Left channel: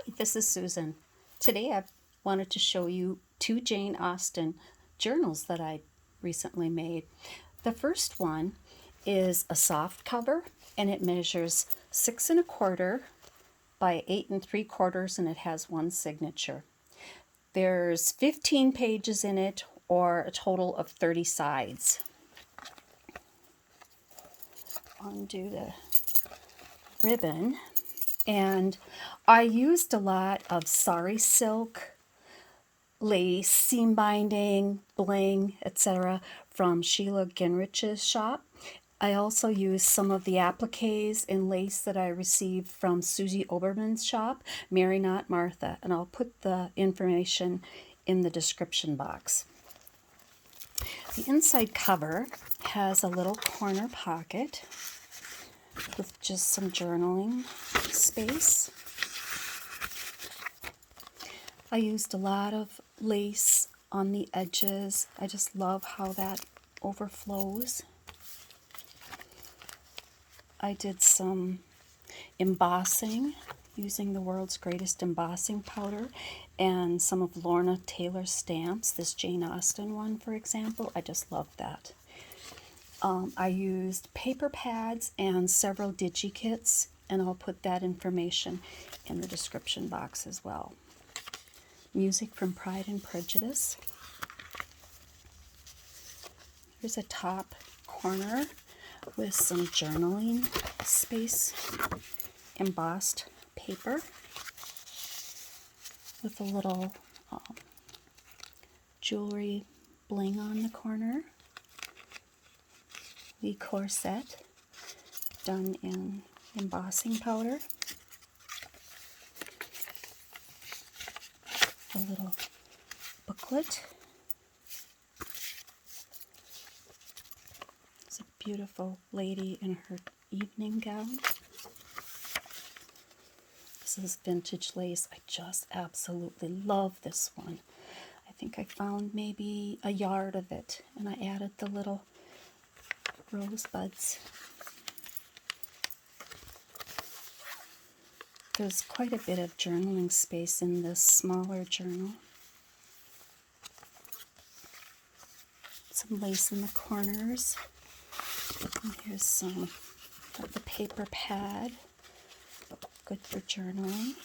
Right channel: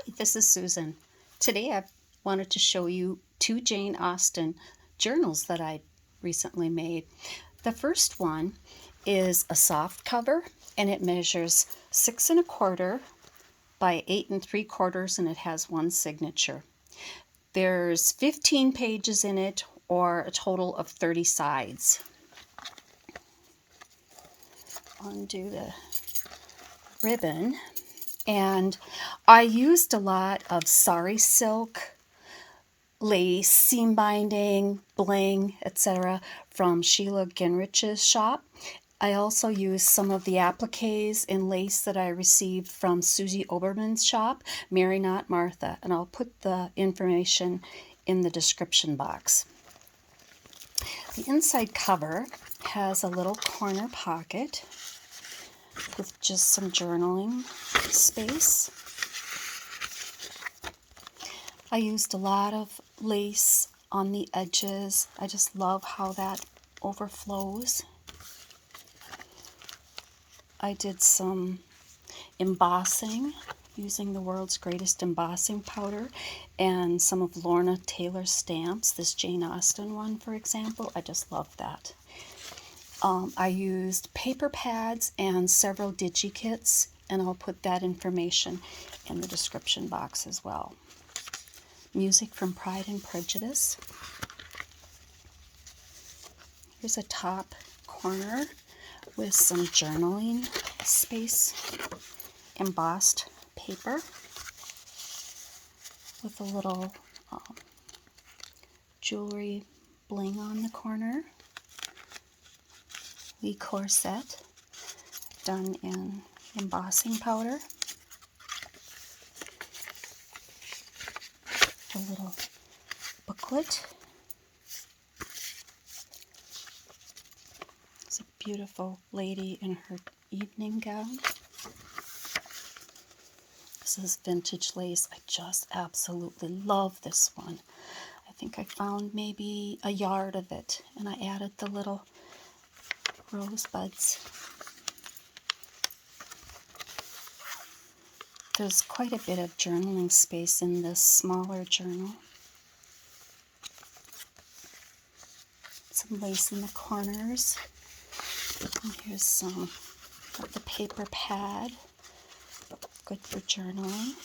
Hi, this is Susan. Today I wanted to show you two Jane Austen journals that I recently made. The first one is a soft cover and it measures 6 1/4 by 8 3/4 and it has one signature. There's 15 pages in it or a total of 30 sides. Undo the ribbon. And I used a lot of sari silk, lace, seam binding, bling, etc. from Sheila Ginrich's shop. I also used some of the appliques and lace that I received from Susie Oberman's shop, Mary Not Martha, and I'll put the information in the description box. The inside cover has a little corner pocket with just some journaling space. I used a lot of lace on the edges. I just love how that overflows. I did some embossing using the world's greatest embossing powder and some of Lorna Taylor's stamps. This Jane Austen one, for example, I just love that. I used paper pads and several digi-kits, and I'll put that information in the description box as well. Music from Pride and Prejudice. Here's a top corner with some journaling space, embossed paper with a little jewelry bling on the corner. The corset done in embossing powder. A little booklet. It's a beautiful lady in her evening gown. This is vintage lace. I just absolutely love this one. I think I found maybe a yard of it, and I added the little rosebuds. There's quite a bit of journaling space in this smaller journal. Some lace in the corners. And here's some of the paper pad, good for journaling.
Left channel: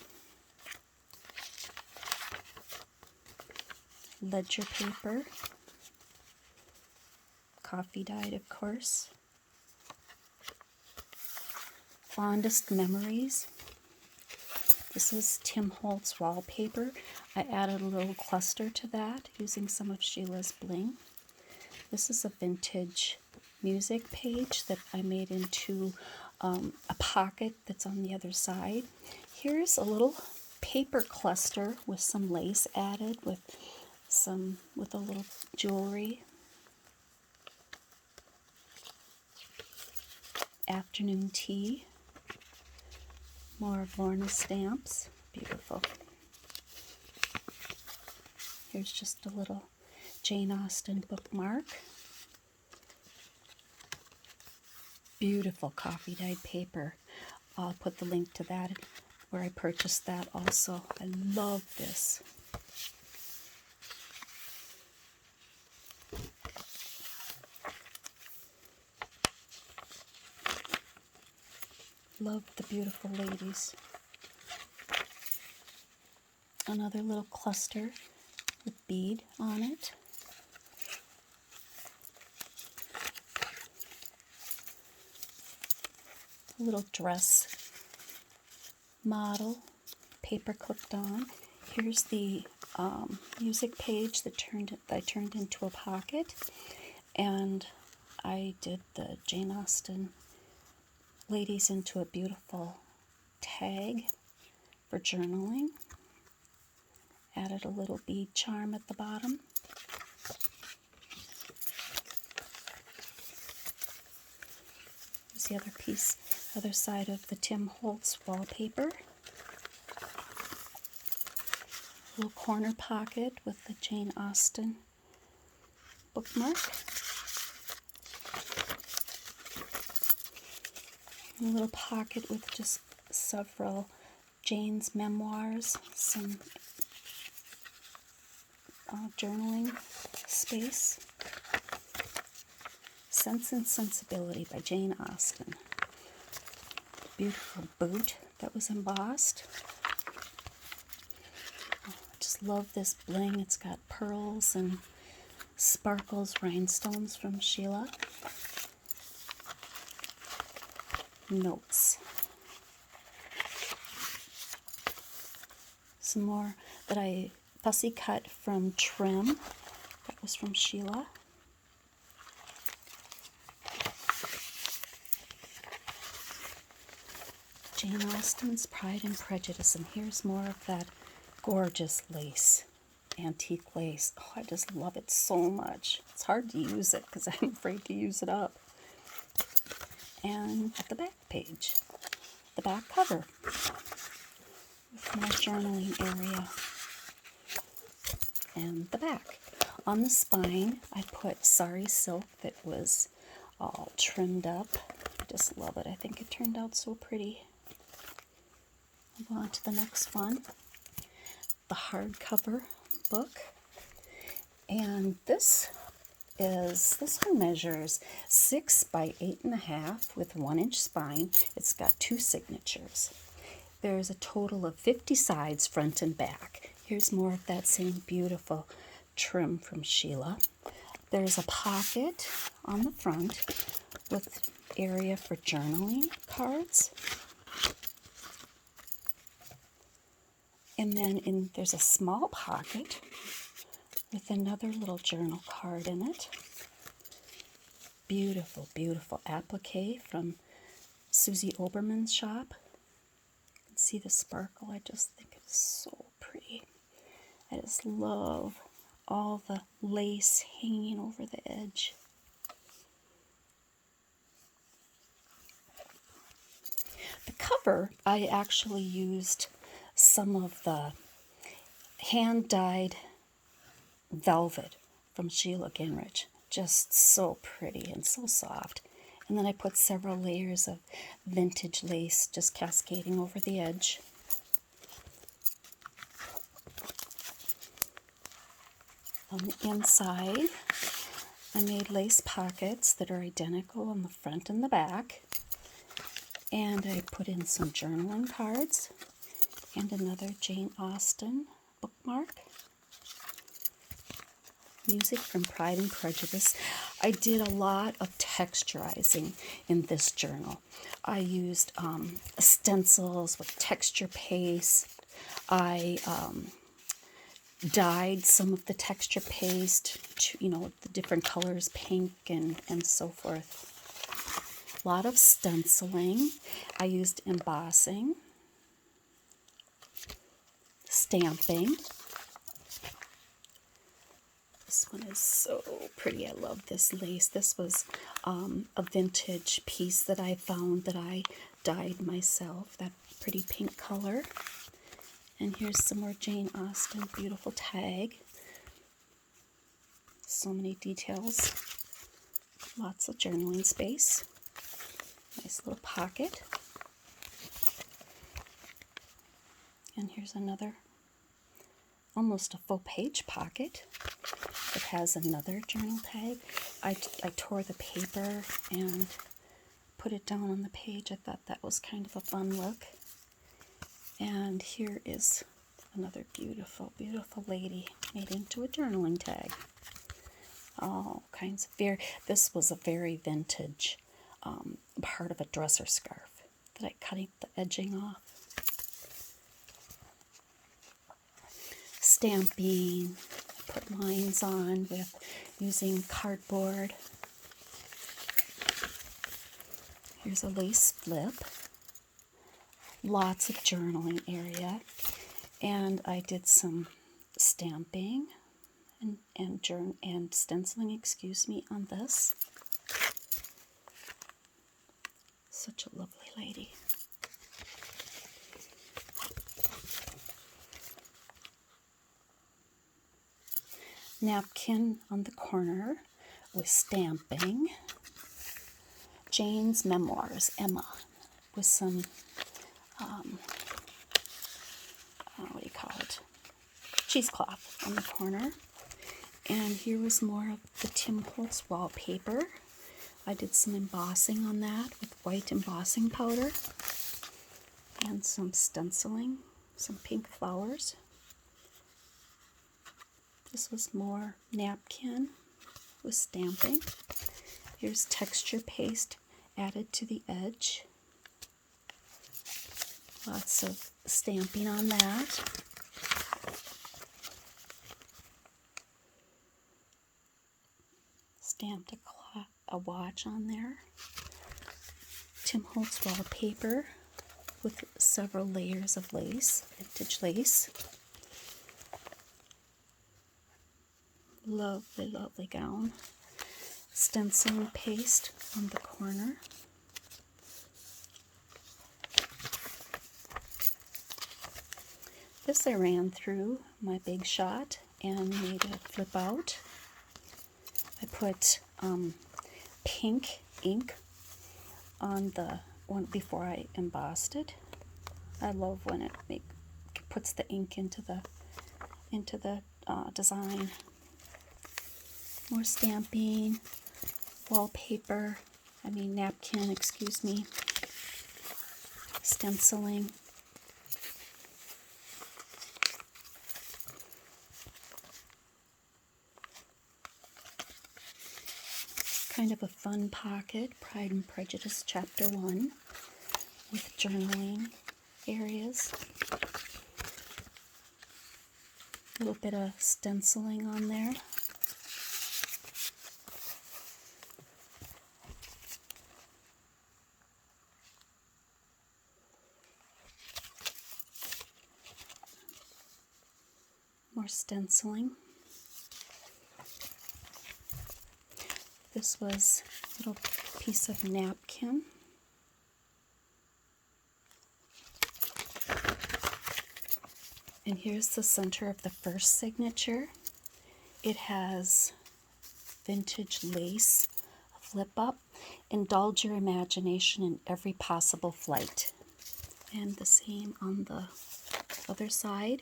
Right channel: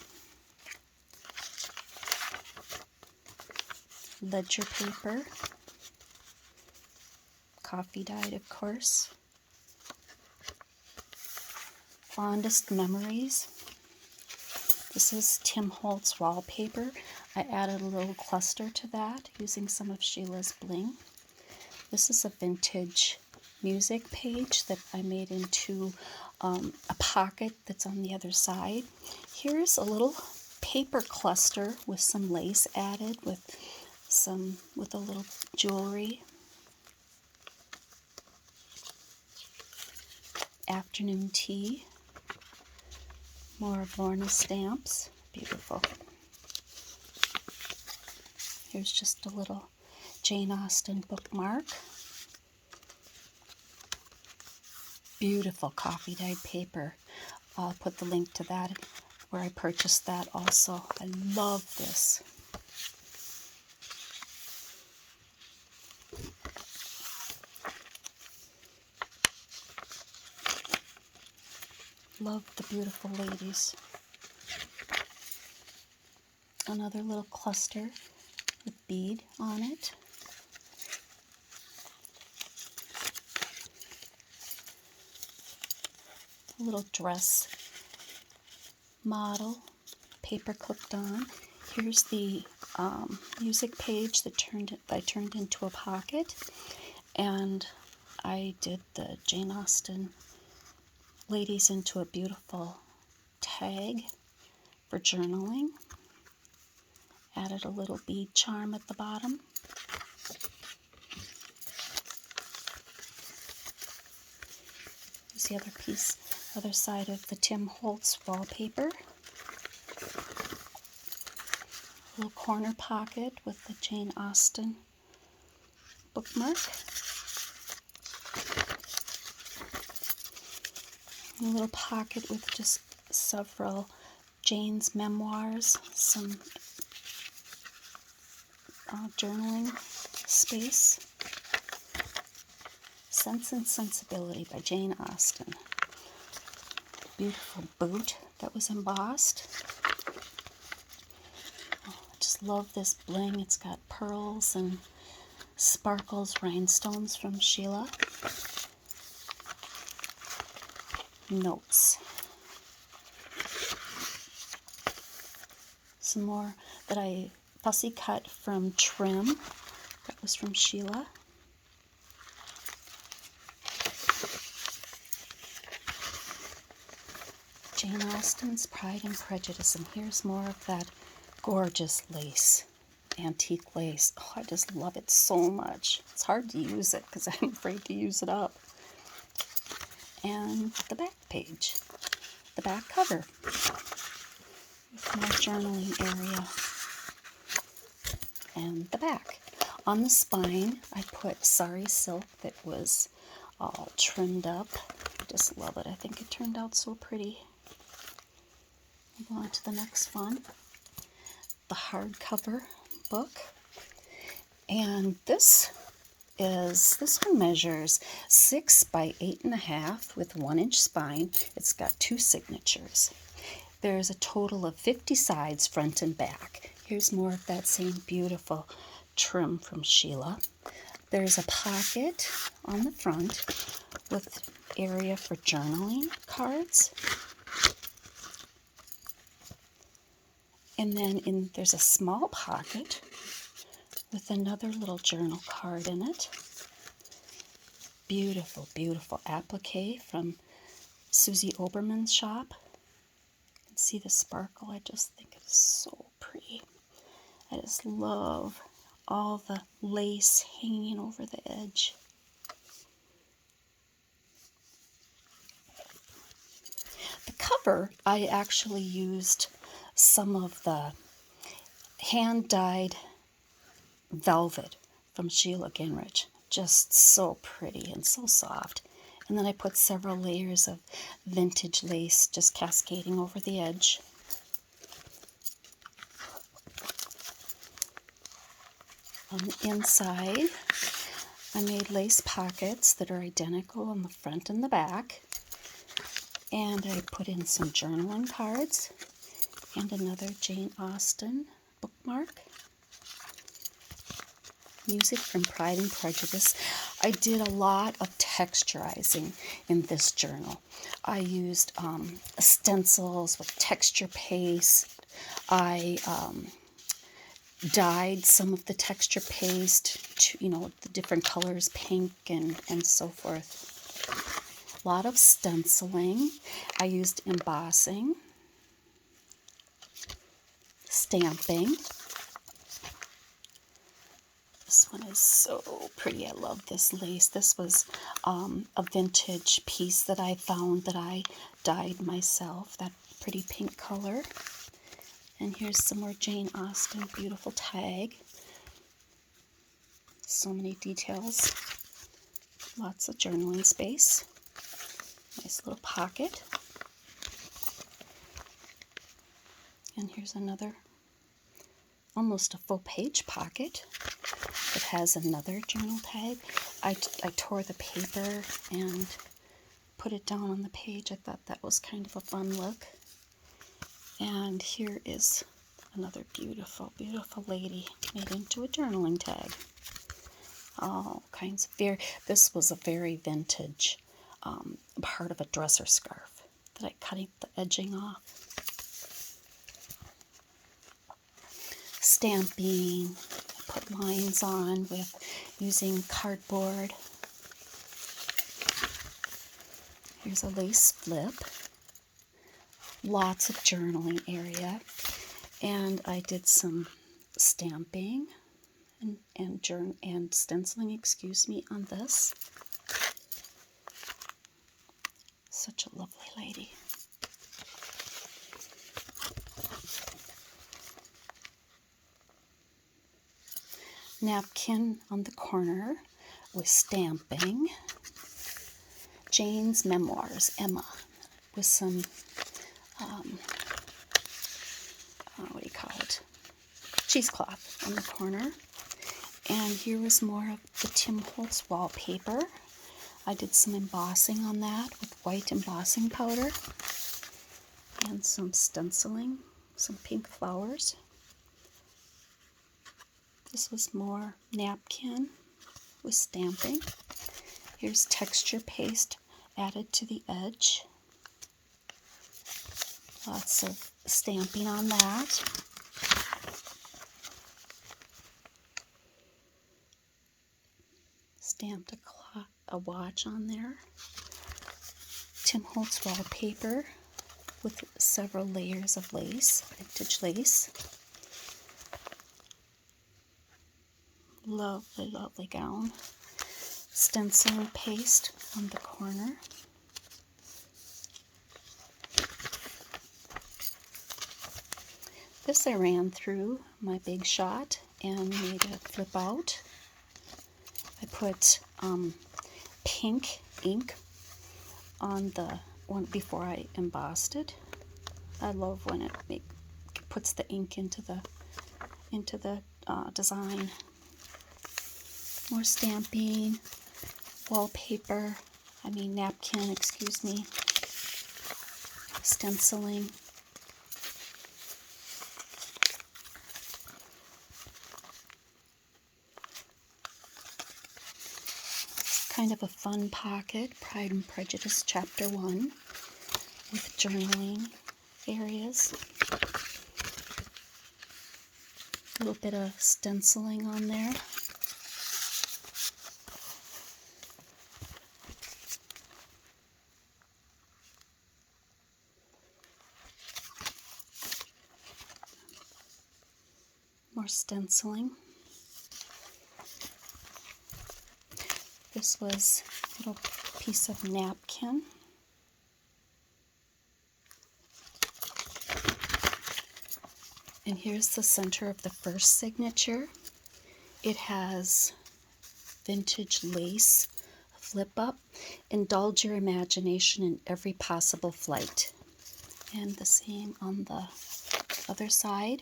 Ledger paper. Coffee dyed, of course. Fondest memories. This is Tim Holtz wallpaper. I added a little cluster to that using some of Sheila's bling. This is a vintage music page that I made into a pocket that's on the other side. Here's a little paper cluster with some lace added with a little jewelry. Afternoon tea. More of Lorna stamps. Beautiful. Here's just a little Jane Austen bookmark. Beautiful coffee dyed paper. I'll put the link to that where I purchased that also. I love this. Love the beautiful ladies. Another little cluster with bead on it. A little dress model, paper clipped on. Here's the music page that I turned into a pocket, and I did the Jane Austen ladies into a beautiful tag for journaling. Added a little bead charm at the bottom. Here's the other piece, other side of the Tim Holtz wallpaper. A little corner pocket with the Jane Austen bookmark. A little pocket with just several Jane's memoirs, some journaling space. Sense and Sensibility by Jane Austen. Beautiful boot that was embossed. Oh, I just love this bling. It's got pearls and sparkles, rhinestones from Sheila. Notes. Some more that I fussy cut from Trim. That was from Sheila. Jane Austen's Pride and Prejudice, and here's more of that gorgeous lace, antique lace. Oh, I just love it so much. It's hard to use it because I'm afraid to use it up. And the back page, the back cover, with more journaling area. And the back. On the spine, I put sari silk that was all trimmed up. I just love it. I think it turned out so pretty. Move on to the next one, the hardcover book. And this one measures 6 by 8.5 with 1-inch spine. It's got 2 signatures. There's a total of 50 sides, front and back. Here's more of that same beautiful trim from Sheila. There's a pocket on the front with area for journaling cards. And then there's a small pocket with another little journal card in it. Beautiful, beautiful applique from Susie Oberman's shop. You can see the sparkle. I just think it is so pretty. I just love all the lace hanging over the edge. The cover, I actually used some of the hand-dyed velvet from Sheila Gingrich. Just so pretty and so soft. And then I put several layers of vintage lace just cascading over the edge. On the inside, I made lace pockets that are identical on the front and the back. And I put in some journaling cards and another Jane Austen bookmark. Music from Pride and Prejudice. I did a lot of texturizing in this journal. I used stencils with texture paste. I dyed some of the texture paste to, the different colors, pink and so forth. A lot of stenciling. I used embossing, stamping. This one is so pretty. I love this lace. This was a vintage piece that I found that I dyed myself, that pretty pink color. And here's some more Jane Austen, beautiful tag. So many details. Lots of journaling space. Nice little pocket. And here's another, almost a full page pocket. It has another journal tag. I tore the paper and put it down on the page. I thought that was kind of a fun look. And here is another beautiful, beautiful lady made into a journaling tag. All kinds of this was a very vintage part of a dresser scarf that I cut the edging off. Stamping. I put lines on with using cardboard. Here's a lace flip. Lots of journaling area. And I did some stamping and stenciling, on this. Such a lovely lady. Napkin on the corner with stamping. Jane's Memoirs, Emma, with some cheesecloth on the corner. And here was more of the Tim Holtz wallpaper. I did some embossing on that with white embossing powder and some stenciling, some pink flowers. This was more napkin with stamping. Here's texture paste added to the edge. Lots of stamping on that. Stamped a watch on there. Tim Holtz wallpaper with several layers of lace, vintage lace. Lovely, lovely gown. Stenciling paste on the corner. This I ran through my Big Shot and made it flip out. I put pink ink on the one before I embossed it. I love when it puts the ink into the design. More stamping, wallpaper, napkin, excuse me, stenciling. Kind of a fun pocket, Pride and Prejudice Chapter 1, with journaling areas. A little bit of stenciling on there. More stenciling. This was a little piece of napkin. And here's the center of the first signature. It has vintage lace flip up. Indulge your imagination in every possible flight. And the same on the other side.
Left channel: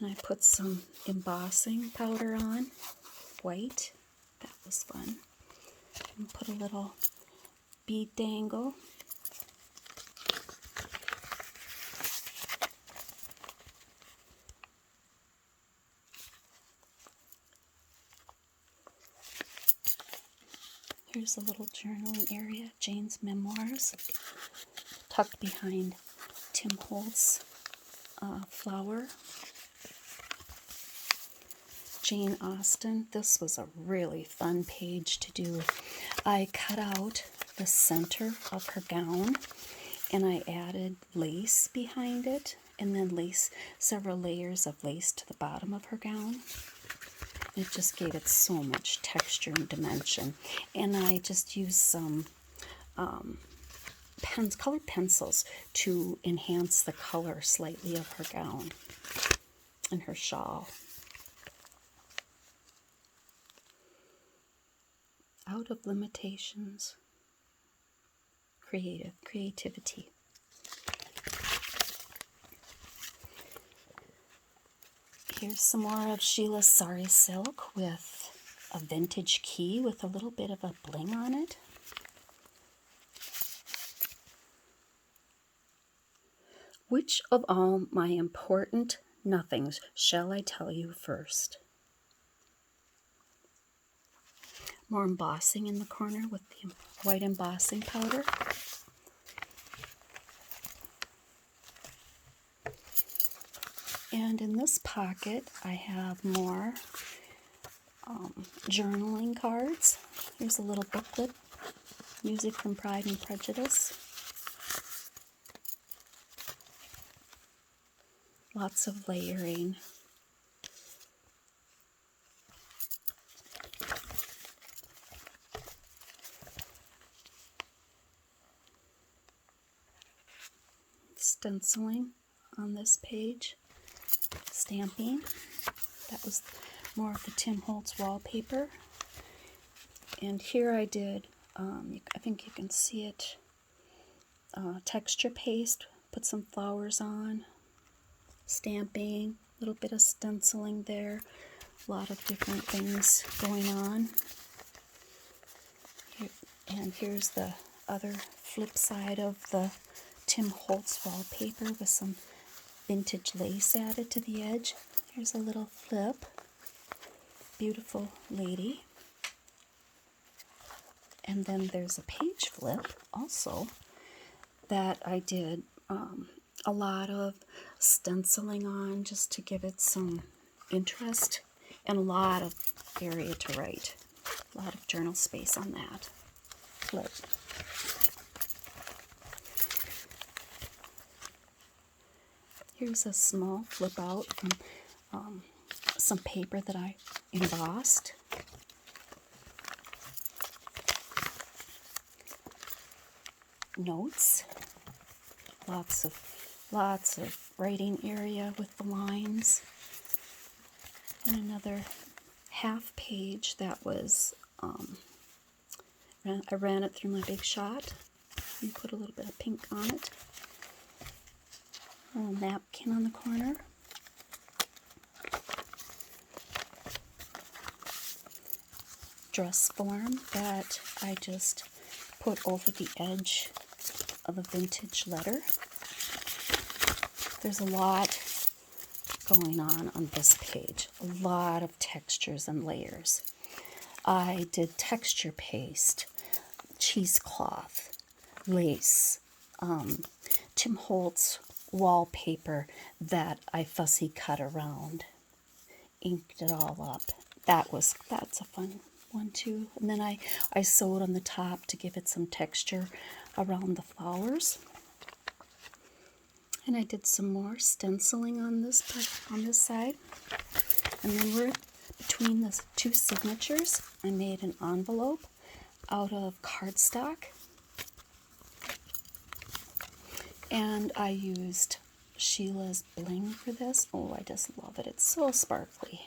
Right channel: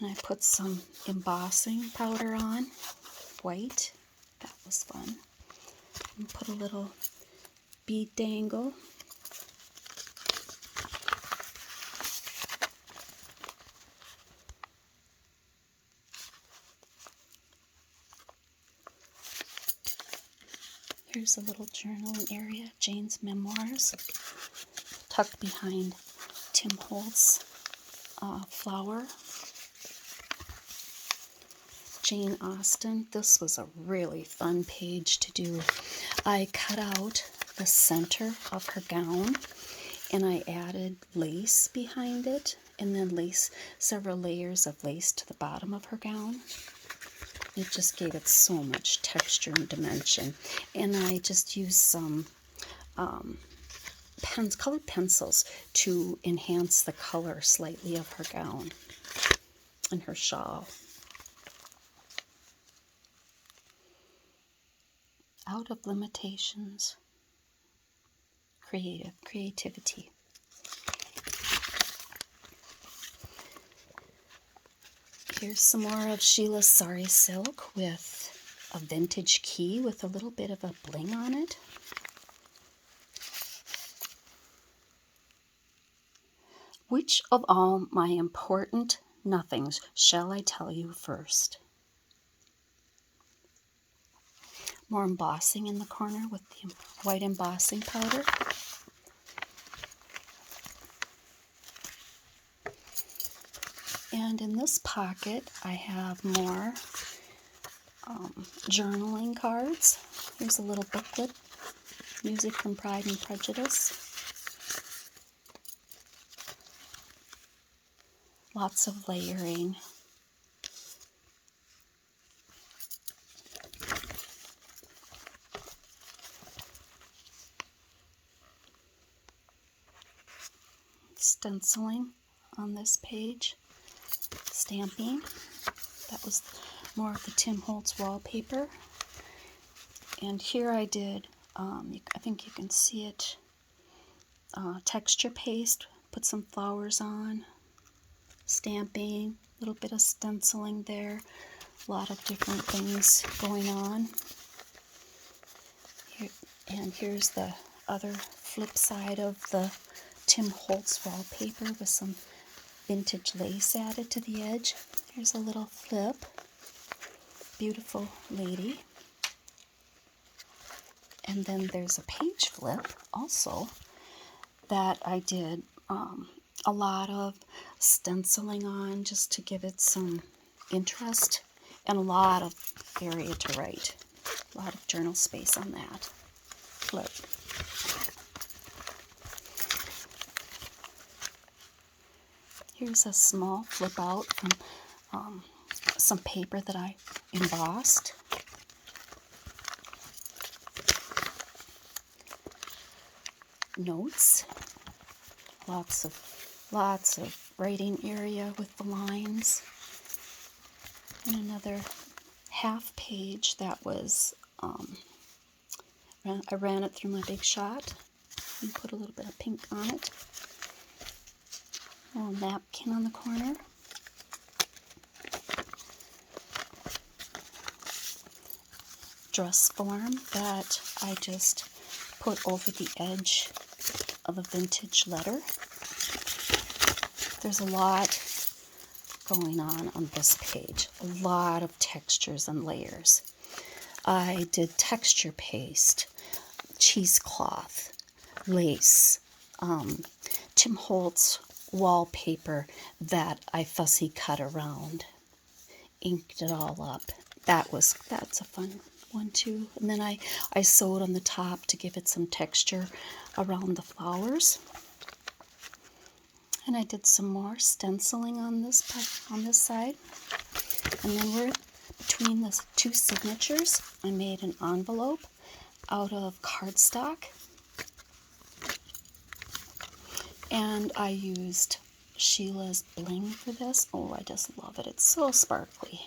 And I put some embossing powder on, white. That was fun. And put a little bead dangle. Here's a little journaling area, Jane's memoirs, tucked behind Tim Holtz flower. Jane Austen. This was a really fun page to do. I cut out the center of her gown and I added lace behind it, and then several layers of lace to the bottom of her gown. It just gave it so much texture and dimension. And I just used some colored pencils to enhance the color slightly of her gown and her shawl. Out of limitations, creativity. Here's some more of Sheila's Sari Silk with a vintage key with a little bit of a bling on it. Which of all my important nothings shall I tell you first? More embossing in the corner with the white embossing powder. And in this pocket, I have more journaling cards. Here's a little booklet, Music from Pride and Prejudice. Lots of layering. Stenciling on this page. Stamping. That was more of the Tim Holtz wallpaper. And here I did, I think you can see it, texture paste, put some flowers on, stamping, little bit of stenciling there. A lot of different things going on. And here's the other flip side of the Tim Holtz wallpaper with some vintage lace added to the edge. Here's a little flip. Beautiful lady. And then there's a page flip also that I did a lot of stenciling on just to give it some interest and a lot of area to write. A lot of journal space on that flip. Here's a small flip out from some paper that I embossed. Notes. Lots of writing area with the lines. And another half page that was, I ran it through my Big Shot and put a little bit of pink on it. A little napkin on the corner. Dress form that I just put over the edge of a vintage letter. There's a lot going on this page. A lot of textures and layers. I did texture paste, cheesecloth, lace, Tim Holtz wallpaper that I fussy cut around, inked it all up. That's a fun one too. And then I sewed on the top to give it some texture around the flowers. And I did some more stenciling on this side. And then we're between the two signatures, I made an envelope out of cardstock. And I used Sheila's bling for this. Oh, I just love it. It's so sparkly.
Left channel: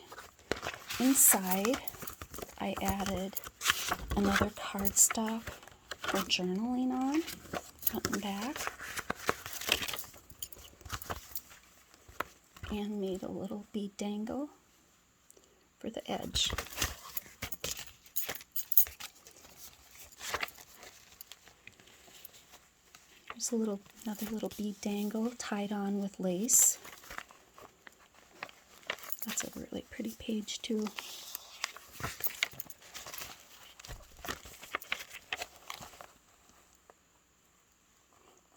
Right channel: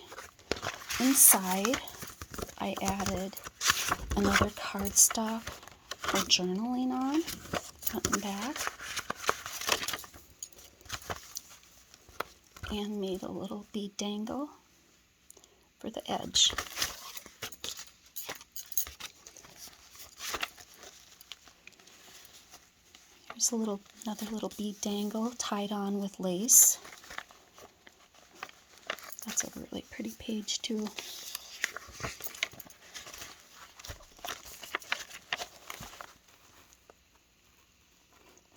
Inside, I added another cardstock for journaling on, front and back. And made a little bead dangle for the edge. Here's another little bead dangle tied on with lace. That's a really pretty page too.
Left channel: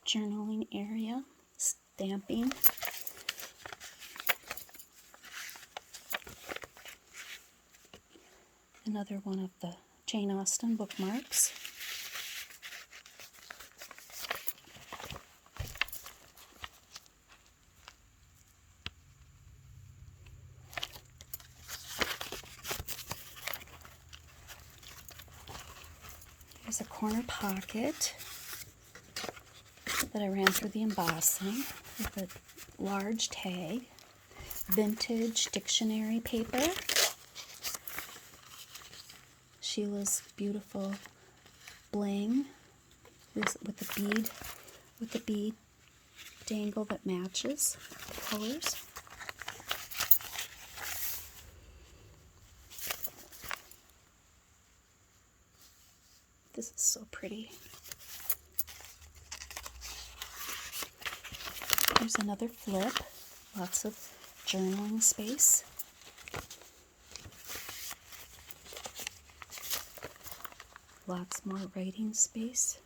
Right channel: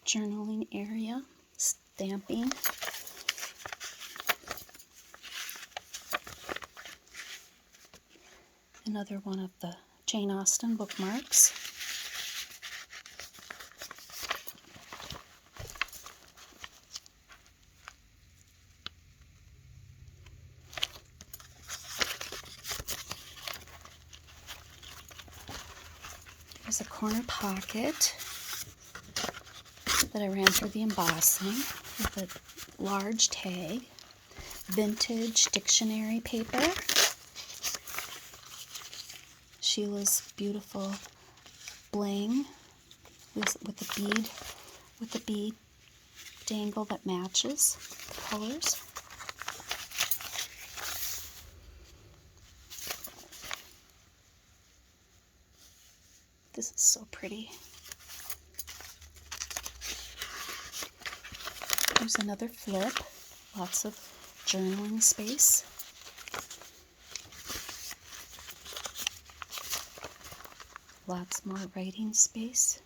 Journaling area, stamping. Another one of the Jane Austen bookmarks. There's a corner pocket that I ran through the embossing with a large tag, vintage dictionary paper, Sheila's beautiful bling with the bead dangle that matches the colors. This is so pretty. Here's another flip, lots of journaling space. Lots more writing space.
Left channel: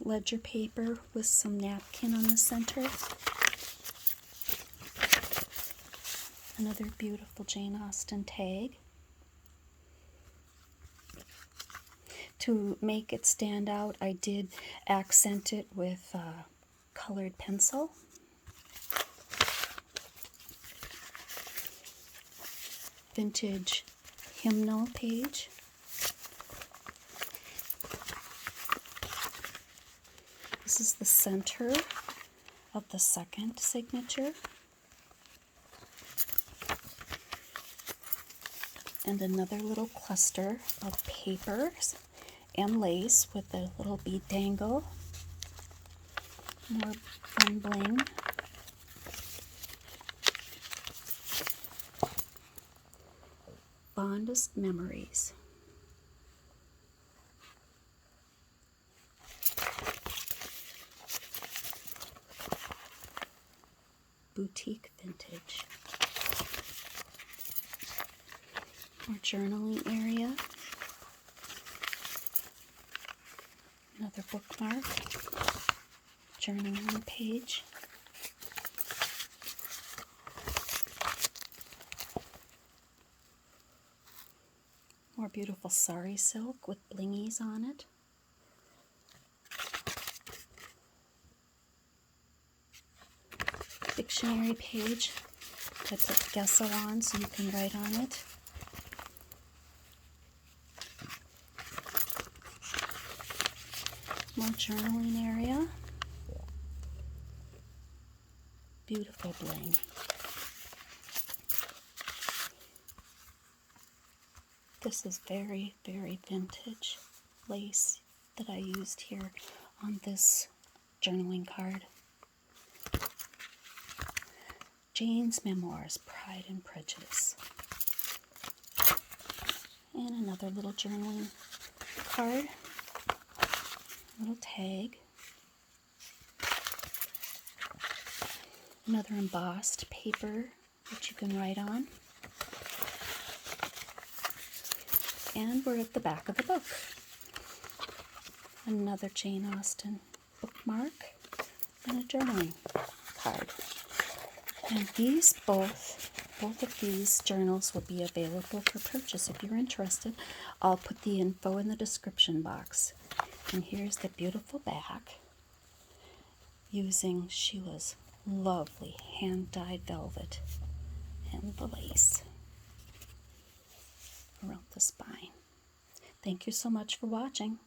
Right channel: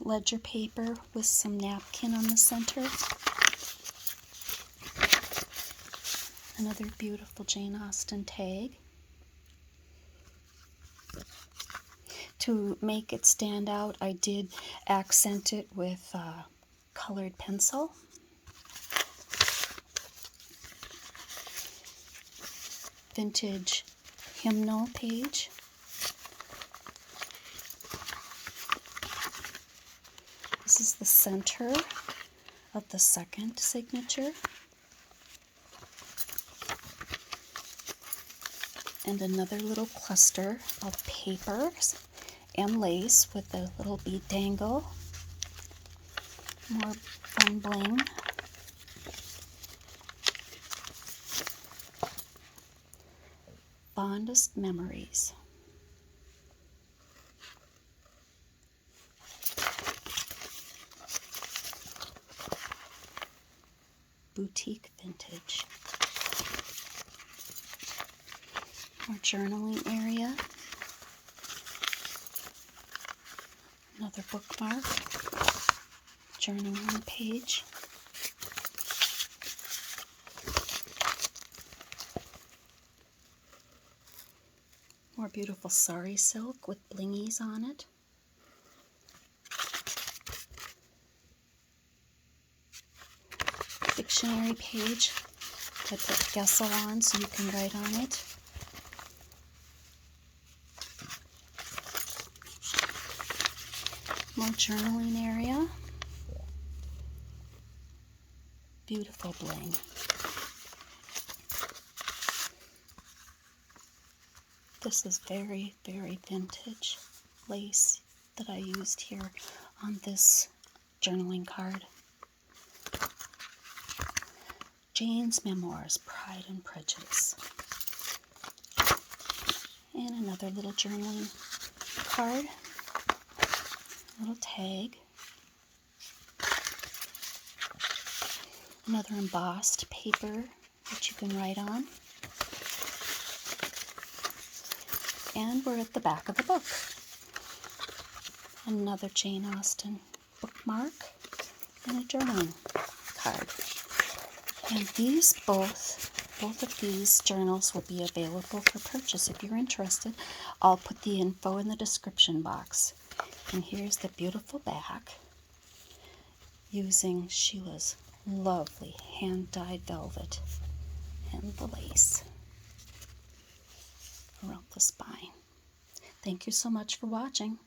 Ledger paper with some napkin on the center. Another beautiful Jane Austen tag. To make it stand out, I did accent it with colored pencil. Vintage hymnal page. This is the center of the second signature. And another little cluster of papers and lace with a little bead dangle. More fun bling. fondest memories. Boutique vintage. More journaling area. Another bookmark. Journaling page. More beautiful sari silk with blingies on it. Dictionary page. I put gesso on so you can write on it. More journaling area. Beautiful bling. This is very, very vintage lace that I used here on this journaling card. Jane's Memoirs, Pride and Prejudice. And another little journaling card. Little tag. Another embossed paper that you can write on. And we're at the back of the book. Another Jane Austen bookmark and a journaling card. And these both of these journals will be available for purchase if you're interested. I'll put the info in the description box. And here's the beautiful back using Sheila's lovely hand-dyed velvet and the lace around the spine. Thank you so much for watching.